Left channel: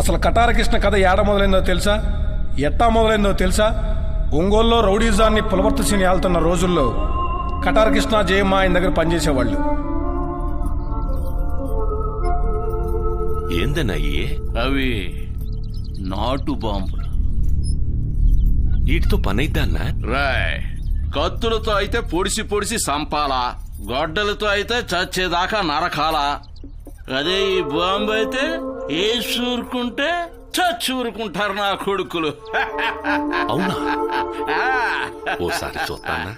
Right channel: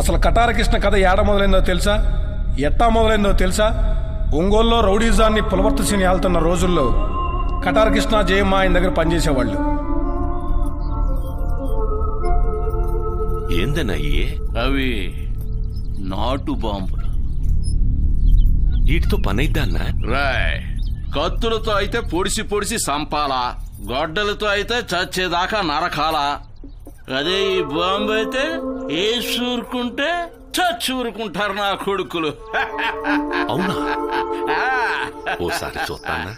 అసలు కటారకృష్ణ కథ ఏడ మొదలైందో తెలుసా? ఎట్టా మొదలైందో తెలుసా? ఒంగోలులో రౌడీజాన్ని పులవర్తసిని ఆళ్తున్న రోజుల్లో కటారకృష్ణ, జయమ్మ ఆయన దగ్గర పనిచేసేవాళ్ళు. ఏందన్నయ్యే అవి నాటు బాంబులు. వీటితో పనైద్దా అన్నా? రాయ్, కత్తులతో అయితే పొడిసి పొడిసి సంపాలా, గొడ్డలతో అయితే చచ్చేదాకా నరకాలా. అదే ఈ బాంబు అయితే వేసి ఊరుకుంటే చచ్చి ఊరుకుంటారు నా కొడుకులు. అవునా? ఓసారి చూస్తానా?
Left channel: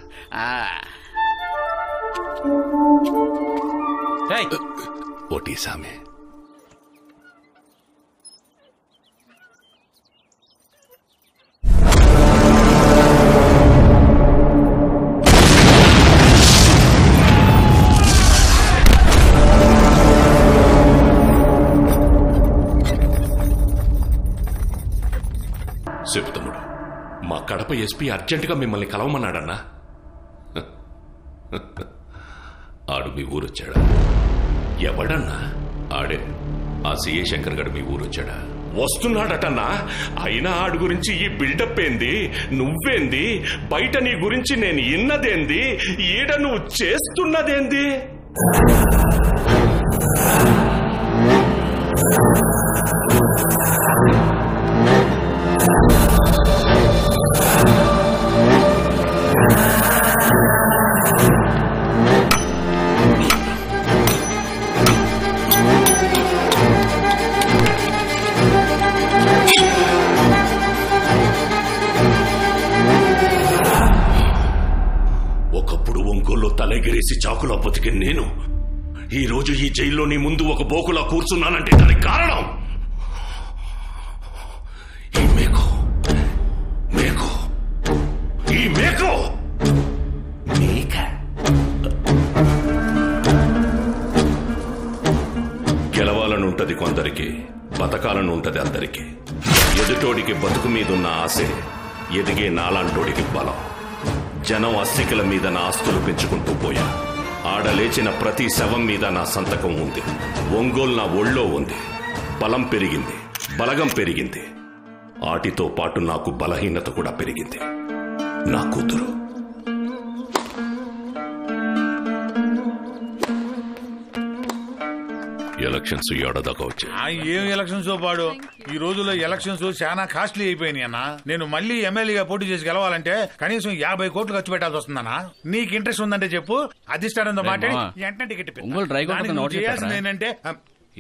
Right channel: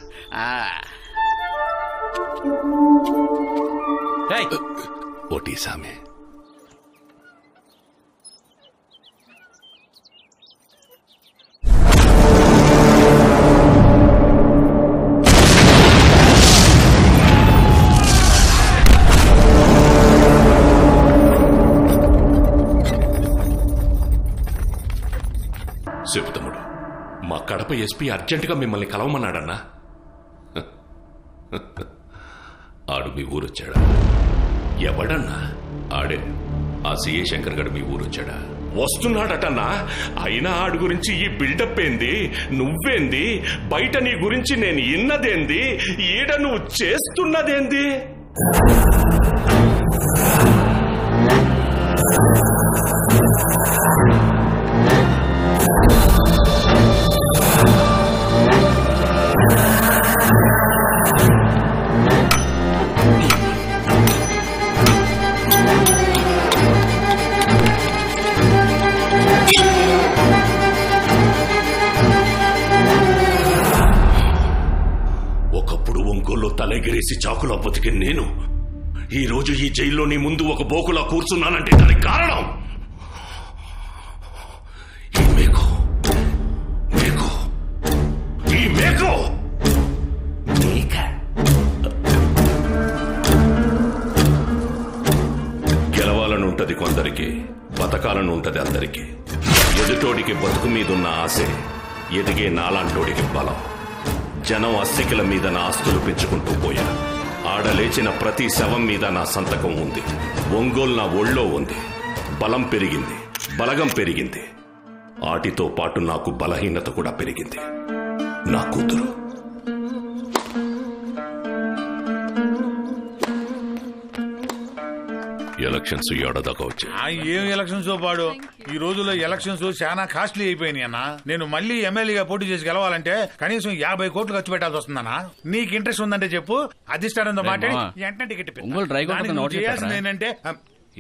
ఓటీ సామే. చెప్తముడు, మా కడప ఎస్పీ అర్జెంటుగా మిమ్మల్ని కలవమన్నాడన్నా. ఆడు మీ ఊరొచ్చాడా? ఎవడన్నా? ఆడే ఆ సిఏ శంకర్ గడు మీ ఊరొచ్చాడా? వస్తున్నాడటన్నా. అయినా ఆడు గురించి ఈ బిల్డప్ ఏంది? నువ్వేంది? బయట నీ గురించి నేను ఇన్నదేంది? ఈడ నువ్వు చేస్తున్నదేంది? ఒకప్పుడు ఒంగోల్లో తలెగిరేసి చాకులా బతికి నేను ఈ రోజు ఈ జైల్లో నీ ముందు ఒక బోకులా కూర్చున్నానంటే దానికి కారణం ఈ మేకు మేకు ఈ మేకు మేక. గెలవాలని ఉంటది కొందరికి, బతకాలని ఉంటది అందరికి. ఎదుటోడికి బతుకు మీదున్న ఆశే ఎదిగే నాలాంటోడికి బలం. జనం అస్తికల మీద నా ఆస్తులు పెంచుకుంటూ పోయా. ఆడలేచిన ప్రతి శవం మీద నా సంతకం ఉంది. ఒంగోలు నా ఒళ్ళో ఉంది. బలం పెరిగింది, బలగం పెరిగింది. ఆటితో పాటు నాకు బలహీనత కూడా పెరిగింది. నా కూతురు. ఎలక్షన్స్ ఏడాదాకా వచ్చాయి. ఏం ఎలక్షన్స్ పాడు? ఈ రోజుల్లో ఎలక్షన్స్ చాలా కాస్ట్లీ అయిపోయినాయి అన్న. నేను మళ్ళీ ఎమ్మెల్యేగా పోటీ చేసి గెలవాలంటే కనీసం 50 కోట్లు ఖర్చు పెట్టాల్సి వస్తుందన్నా. నీకు ఇంట్రెస్ట్ ఉందంటే చెప్పు, అధిష్టానంతో మాట వెంటనే టికెట్ ఏంటంటే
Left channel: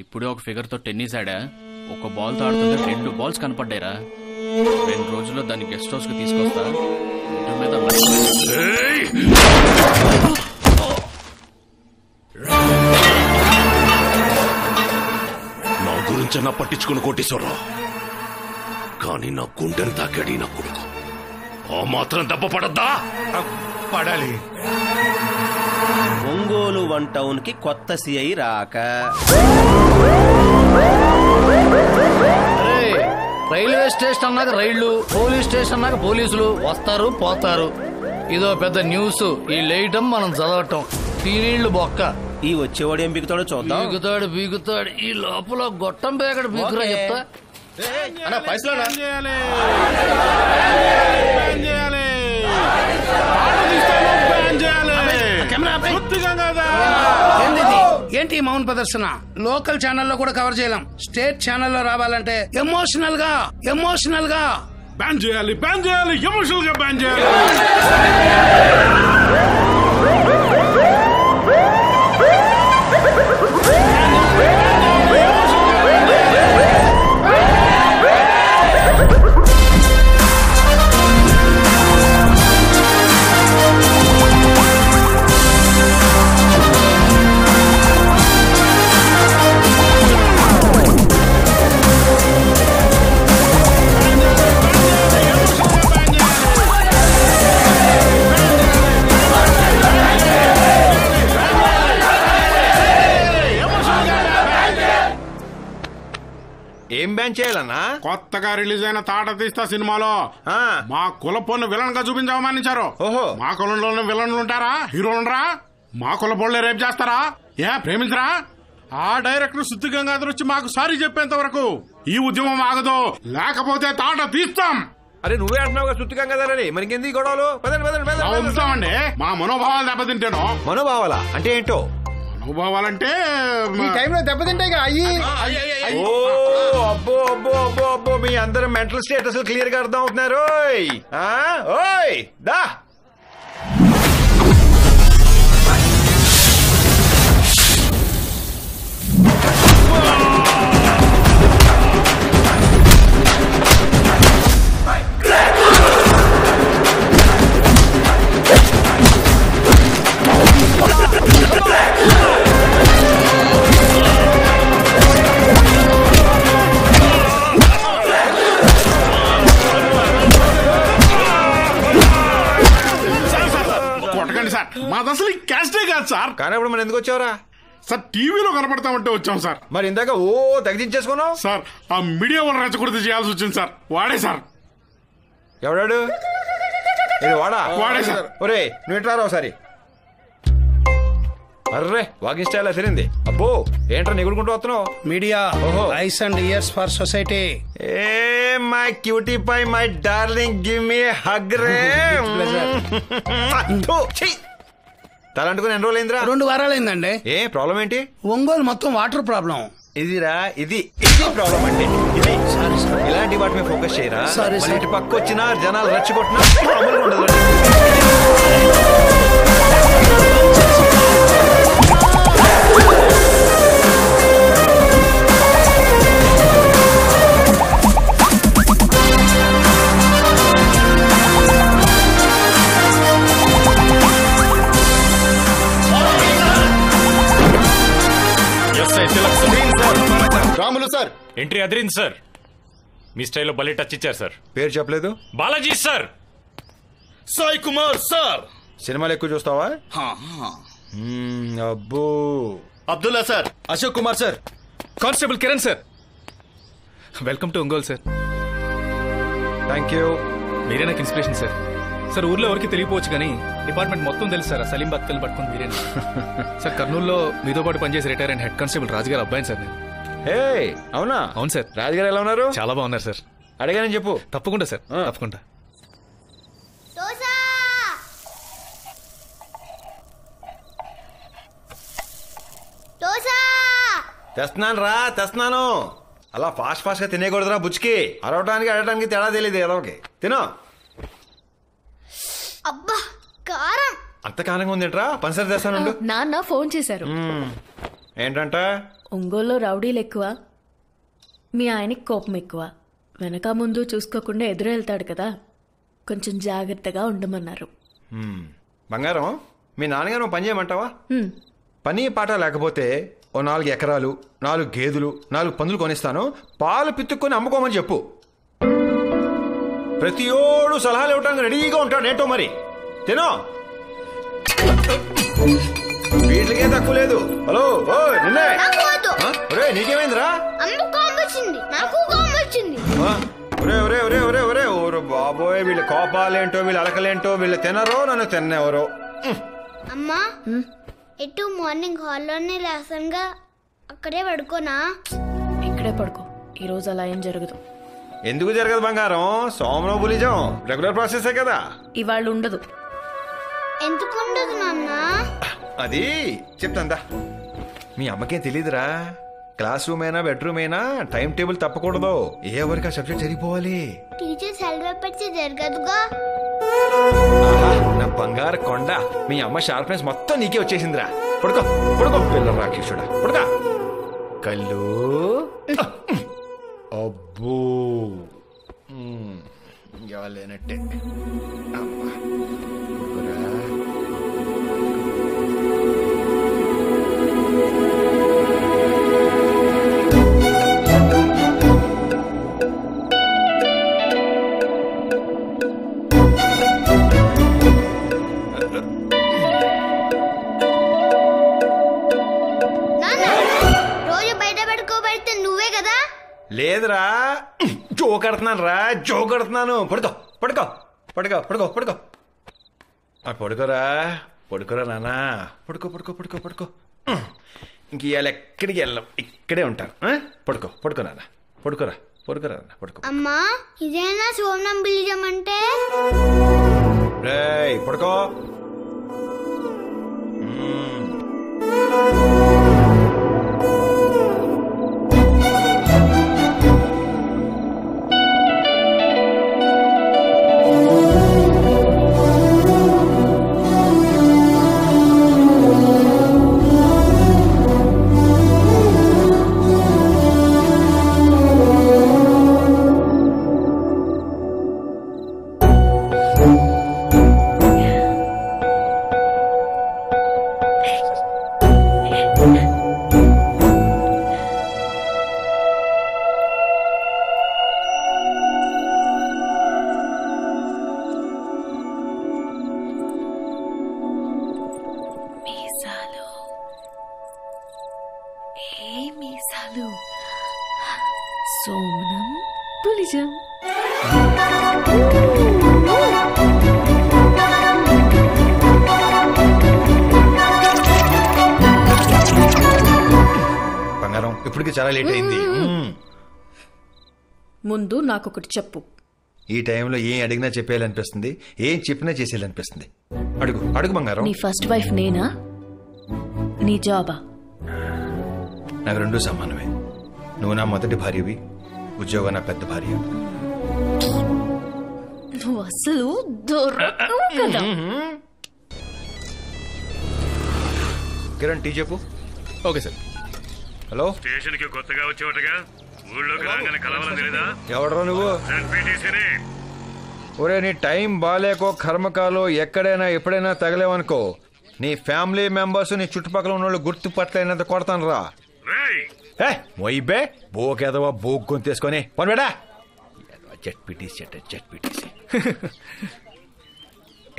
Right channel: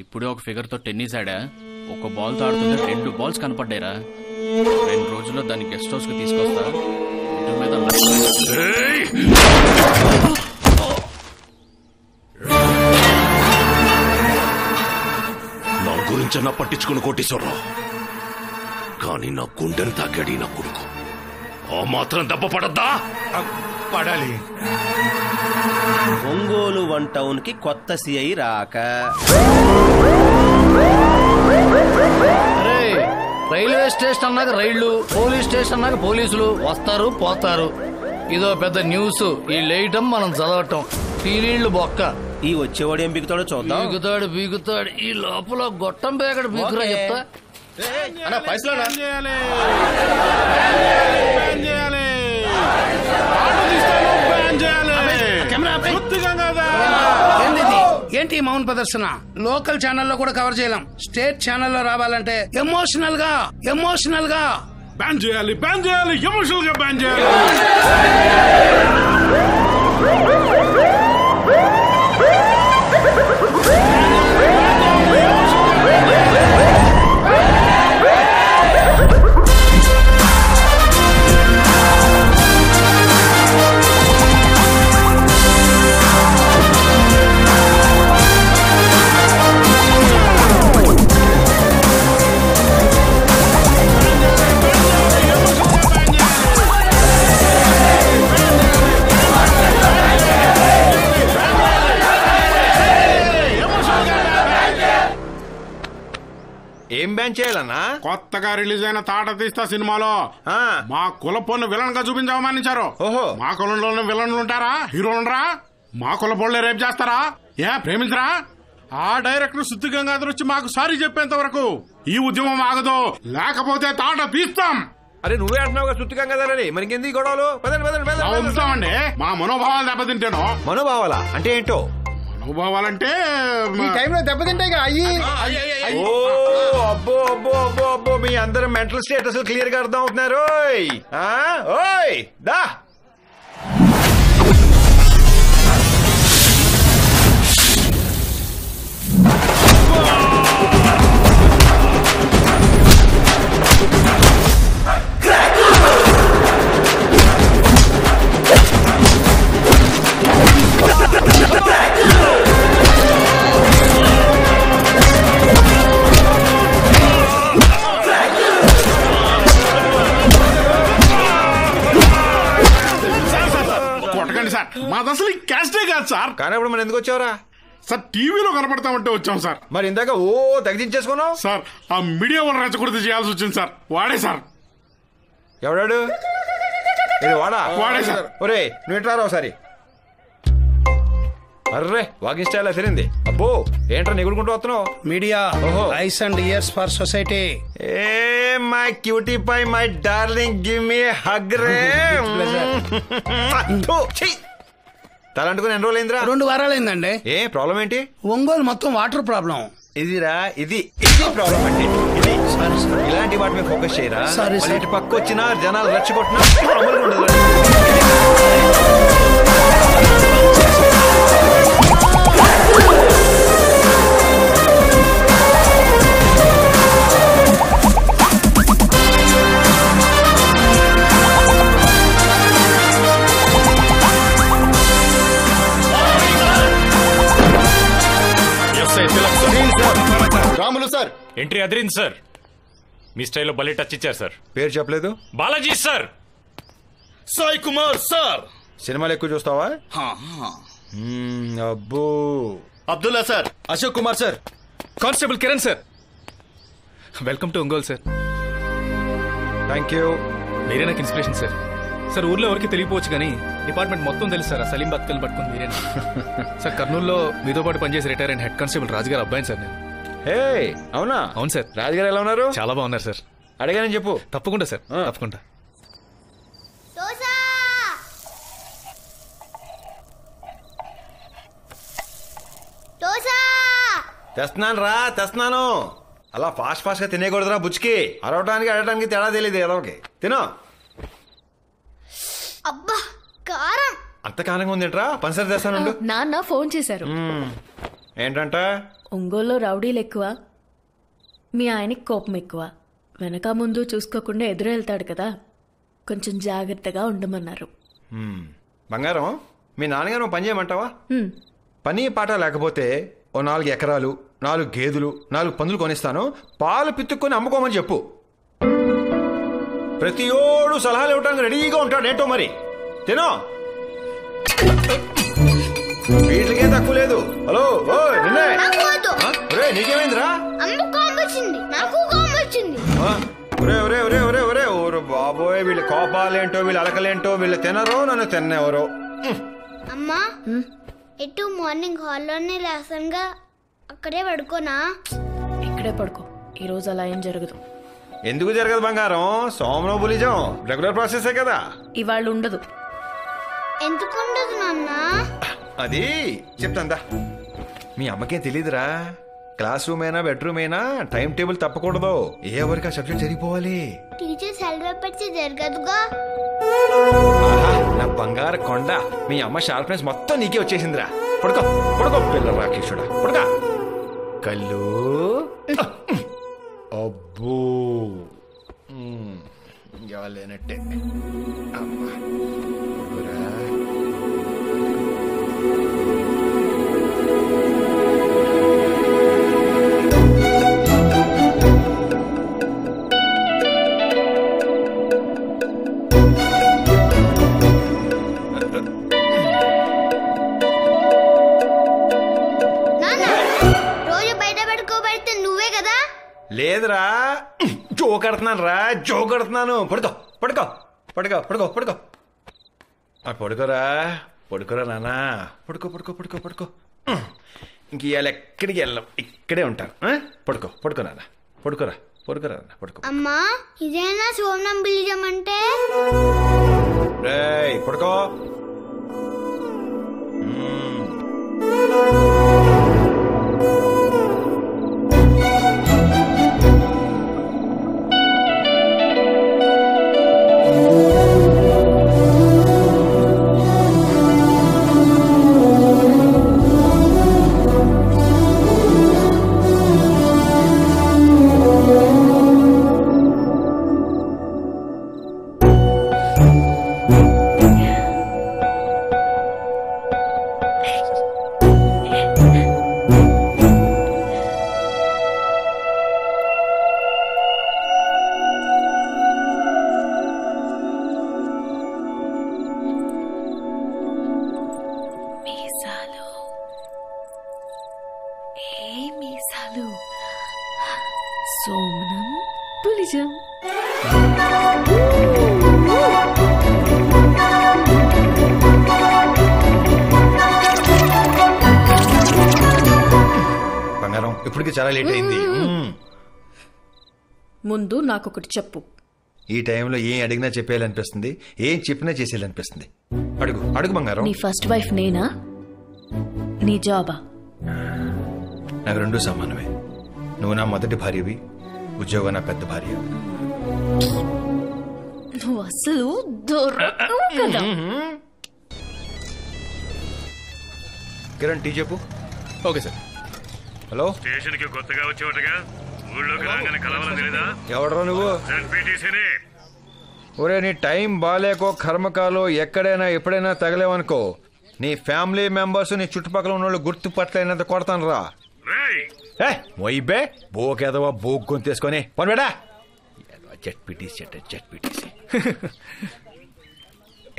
ఇప్పుడే ఒక ఫిగర్ తో టెన్నిస్ ఆడా. ఒక బాల్ తో ఆడుతుంటే 2 బాల్స్ కనపడ్డాయిరా. 2 రోజుల్లో దాన్ని గెస్ట్ హౌస్ కి తీసుకొస్తా. ఇంటి మీద నా గురించన్నా పట్టించుకుని కోటేశ్వరరావు, కానీ నా గుండెను తాకాడి నా కొడుకు. ఆ మాత్రం దెబ్బ పడద్దా? పడాలి. ఒంగోలు 1 టౌన్ కి కొత్త సిఐ రాక. అరే, రైల్వే స్టేషన్ అన్నాక రైళ్లు, పోలీస్ స్టేషన్ అన్నాక పోలీసులు వస్తారు పోతారు. ఇదో పెద్ద న్యూస్. ఈ లేయటం మనం చదవటం. టీనీళ్లు బొక్క. ఈ వచ్చేవాడు ఏం బిగుతాడో చూద్దాం. బీగుతాడు. ఈ లోపల గొట్టం బేగడు బీగురా చెప్తా. ఏంటి మౌన్ ప్రదర్శన? లోకల్ ఛానల్లో కూడా కవర్ చేయలేం. స్టేట్ ఛానల్లో రావాలంటే ఎమోషనల్ గా బ్యాన్ చేయాలి, ఎమోషనల్ గా బ్యాన్ చేయాలి. ఏం బ్యాన్ చేయాలన్నా? కొత్తగా రిలీజ్ అయిన తాట తీస్తా సినిమాలో మా కులపోను విలన్ గా చూపించవమానించారు. ఓహో, మా కులంలోనే విలన్లు ఉంటారా? హీరోలుండరా? మా కులపోళ్లే రేపు చేస్తారా? ప్రేమించరా? ఆ డైరెక్టర్ శుద్ధి గంగాధర్ వచ్చి మాకు సారీ చెప్పేంత వరకు ఈ ఉద్యమం ఆగదు, లేకపోతే తాట తీస్తాం. అరే నువ్వే అంటున్నావు శుద్ధిగా కదా మరి ఇంకెందుకు గొడవలు? ఉంటామండి. మా మనోభావాలు దెబ్బతింటాను. మనోభావాలా అంటే ఏంటో? మనోభావాలంటే దెబ్బతింటాయి అయ్యి. అబ్బో అబ్బో అబ్బో అబ్బో, మీ అందరూ మెంటల్ స్టేటస్ క్లియర్ గా అర్థం అవుతున్నారు. ఓయ్ దా సార్, మాది అసలు ఈ క్యాస్టే కాదు సార్. కానీ ఇప్పుడు మనం ఎందుకు వచ్చావురా? సార్ టీవీలో కనపడతామంటే వచ్చాం సార్. మరి ఇందాక తగ్గించేసుకున్నావు సార్. ఆ మీడియా వాళ్ళు రెచ్చగొడితే చేయాల్సి వచ్చింది సార్. వాడే సార్. ఎవడాడు? ఇది వాడే సార్. ఒరే నువ్వు ఎట్లా ఒకసారి. అర్రే వాకింగ్ స్టైల్ తిరింది. అబ్బో ఏంట్రా నిగుడుకుంటూ వస్తున్నావు? Media eyes and ears for society. ఏ my cutie pie my darling give me hug రే. తలంటుకుని ఎన్ని రోజులైందిరా? 2 వారాలైందండి. ఏ ప్రాబ్లం ఏంటి? ఒంగోలు మొత్తం వాటర్ ప్రాబ్లం. ఇదిరా ఇది ప్రాబ్లం అంటే ఇది. సారీ సార్, ఇలాంటి వాటి మీద ఫోకస్ చేయరా. Sorry sir. ఇటు పక్క వచ్చినా జనాలు రెచ్చగొట్టినా మామూలుగా ఉండదు. రాములు సార్ ఎంట్రీ అదిరింది సార్. మీ స్టైల్లో భలే టచ్ ఇచ్చారు సార్. పేరు చెప్పలేదు. బాలాజీ సార్. సాయి కుమార్ సార్. సినిమాలు ఎక్కువ చూస్తావా? అబ్బో. Abdullah sir. Ashok Kumar sir. Constable Kiran sir. Welcome to Ongole sir. Thank you. మీరే నాకు ఇన్స్పిరేషన్ సార్. సార్ ఊర్లో ఎవరికి తెలియపోవచ్చు కానీ డిపార్ట్మెంట్ మొత్తం తెలుసు సార్. సలీం బతుకలు పట్టుకుని మీరేనా సార్? కర్నూలులో మీతో పాటు పనిచేసి రిటైర్ అయిన హెడ్ కానిస్టేబుల్ రాజుగారు అబ్బాయి సార్ నేను. హే అవునా? అవును సార్. రాజుగారు ఎలా ఉన్నారు? చాలా బాగున్నారు సార్. అడిగానని చెప్పు. తప్పకుండా సార్, తప్పకుండా. తెస్తున్నాను. అలా ఫాస్ట్ గా తినేయకూడదురా బుచ్చికి. అరవటానికి అడగటానికి తేడా తెలియదు ఏదోకి. తినో. అబ్బా కారం. అంత కారంగా ఉందేంట్రా? పంచదార తెస్తాను. నాన్న ఫోన్ చేశారు. ఏంటంట? ఒంగోలులో రౌడీలు ఎక్కువ, మీ ఆయనకి కోపం ఎక్కువ, వెనక ముందు చూసుకోకుండా ఎదురు వెళ్తాడు కదా, కొంచెం జాగ్రత్తగా ఉండమన్నారు. బంగారం, మీ నాన్నగారు పని చేయమంటావా? పని పాట లేకపోతే ఓ 4 ఎకరాలు, 4 గేదెలు, 4 పందులు కొనిస్తాను. పాలు పితుక్కొని అమ్ముకోమని చెప్పు. ప్రతి ఓడు సలహాలు ఇవ్వడానికి రెడీగా ఉంటాడు. ఏంటో మరి తినో. వీటికే తక్కువ లేదు. హలో ఓ నిన్నే. నీకేమైందిరా? ఒరే బాబోయ్, వీళ్ళ కోపాలేంటో, వీళ్ళ అలకలేంటో, వీళ్ళు తినరో నన్ను తిన్నెవరో. అమ్మా ఎటు మార్నింగ్ హాల్లోనే లేసంగా అక్కడే పడుకోనా? ఇక్కడే పడుకో. ఈ రోజు అలా ఏం జరగదు. ఎందుకు జరగదు బంగారం? సోమనో బులిజం రెగ్యులర్ ప్రాసెసే కదా. ఇవాళ ఉండదు. ఎందుకు ఉండదు నాన్న? అది చెప్తాందా. మీ అమ్మకేం తెలీదురా. క్లాస్ రూమ్ అయినా బెడ్రూమ్ అయినా టైం టేబుల్ తప్పకూడదు. ఏ వరకు ఆ సబ్జెక్ట్ జరిగిపోవాలి. టీచర్ సెలవు పెడితే జరగదుగా. ఆహా నా బంగారు కొండ. మీ అమ్మ షార్ప్నెస్ మొత్తం నీకే వచ్చేసిందిరా. పడుకో పడుకో పిల్ల రాక్షసుడా, పడుకో. కళ్ళు. అబ్బో లేనట్టే. అమ్మా పడుకోరా. లేదురా, జోకడుతున్నాను రా, జోకడుతున్నాను. పడుకో పడుకో పడుకో పడుకో పడుకో పడుకోరా, పడుకోరా నాన్న. పడుకో పడుకో పడుకో పడుకో. ఇంక ఇవాళ ఎక్కడికి వెళ్ళాం, ఇక్కడే ఉంటాను. పడుకోరా పడుకో. అమ్మా ఇదేనా సోమనంబిలిజం అంటే? రేయ్ పడుకో. సోమనం పులిజం. బంగారం ఇప్పటికి చాలా లేట్ అయింది. ముందు నాకొకటి చెప్పు. ఈ టైంలో ఏం అడిగినా చెప్పేయాలనిపిస్తుంది, ఏం చెప్పినా చేసేయాలనిపిస్తుంది. అడుగు బంగారం. నీ ఫస్ట్ వైఫ్ నేనా, నీ జాబా? నాకు రెండూ సమానమే. నువ్వు నా మొదటి భార్యవి, ఉద్యోగం నా పెద్ద భార్య. నువ్వు అసలు దొరకవు కదా. కిరణ్ టీ చెప్పు. Okay sir. హలో, స్టేషన్ కి కొత్తగా వచ్చేవాటగా, ఊళ్ళోకి రాగానే కలవాలని తెలీదా? ఎవడరా నువ్వు? ఒరే, నీ టైం బాలేకో కర్మకాలో ఎక్కడైనా ఎప్పుడైనా తగలేవనుకో, నీ ఫ్యామిలీ మెంబర్స్ నీ చుట్టుపక్కల ఉన్న వాళ్ళు గుర్తుపట్టలేనంత కొడతాను రా. మొయ్యబే బోకేదవా బోక్ గొంతేసుకొని పనిబెడా. జెడ్పీటీసీ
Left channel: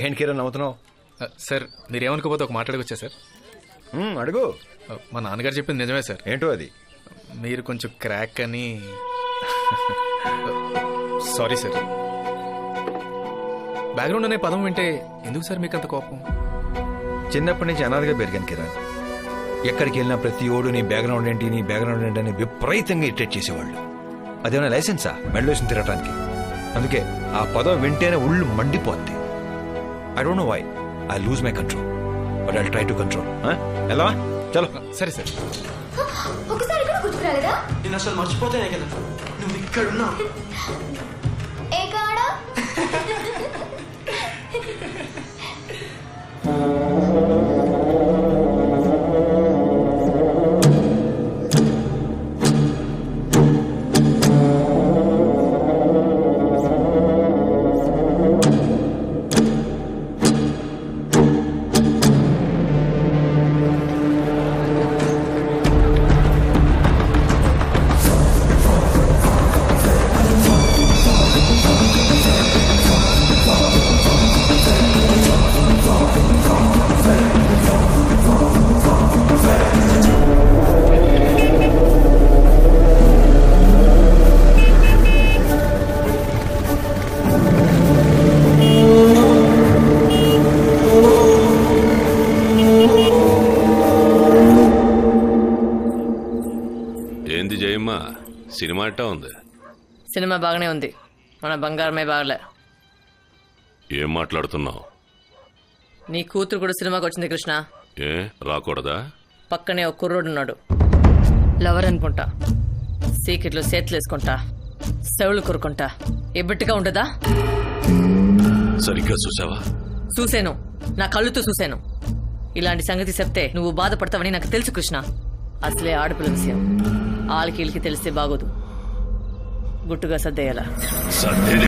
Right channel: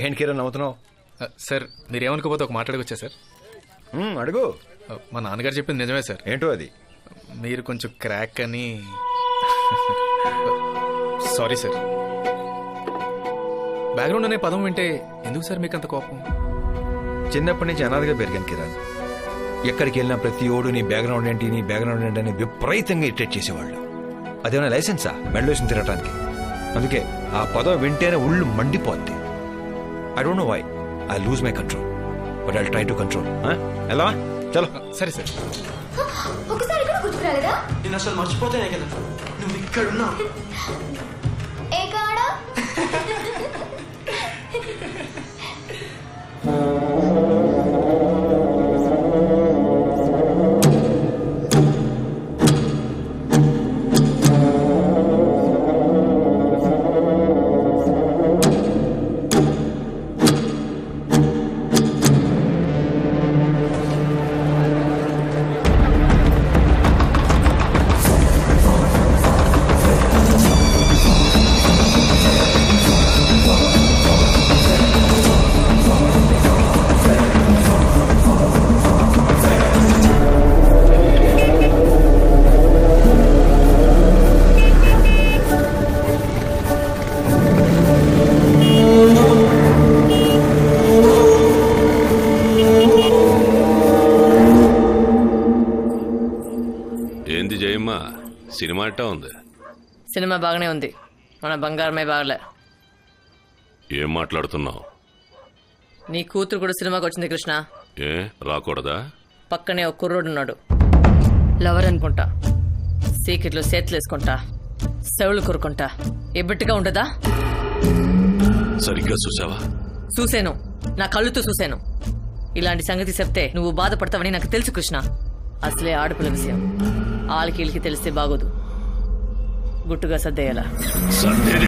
ఏంటి కిరణ్ నవ్వుతున్నావు? సార్ మీరేమనుకోపోతే ఒక మాట్లాడుకొచ్చా సార్. అడుగు. మా నాన్నగారు చెప్పింది నిజమే సార్. ఏంటో అది? మీరు కొంచెం క్రాక్ అని. Sorry sir. బ్యాక్గ్రౌండ్ అనే పదం వింటే ఎందుకు సార్ మీకు అంత కోపం? చిన్నప్పటి నుంచి అనాథగా పెరిగాను కిరణ్. ఎక్కడికి వెళ్ళినా ప్రతి ఓడు నీ బ్యాక్గ్రౌండ్ ఏంటి అని విపరీతంగా ఇరిటేట్ చేసేవాళ్ళు. అదేమైనా లైసెన్సా మెడలోసిన తిరగటానికి? అందుకే ఆ పదం వింటేనే ఉళ్ళు మండిపోద్ది. I don't know why I lose my control, but I try to control. ఎలా? చలో. సరే సార్. ఒకసారి ఇక్కడ గుర్తుకురాలేదా? నేను అసలు మర్చిపోతానే కదా నువ్వు ఇక్కడున్నా. ఏ కాడా? ఏంది జయమ్మ, సినిమా ఎట్టా ఉంది? సినిమా బాగానే ఉంది, మన బంగారమే బాగలే. ఏం మాట్లాడుతున్నావు? నీ కూతురు కూడా సినిమాకి వచ్చింది కృష్ణ. ఏ రాకూడదా? పక్కనే ఒక కుర్రోడు ఉన్నాడు, లవర్ అనుకుంటా. సీకెట్లో చేతులు వేసుకుంటా, సెవులు కొరుకుంటా. ఎబ్బట్టిగా ఉండదా? సరిగ్గా చూసావా? చూశాను, నా కళ్ళుతో చూశాను. ఇలాంటి సంగతి చెప్తే నువ్వు బాధపడతావని నాకు తెలుసు కృష్ణ. అసలే ఆడపిల్ల విషయం ఆలికి తెలిస్తే బాగోదు. గుట్టుగా సర్దేయాలా?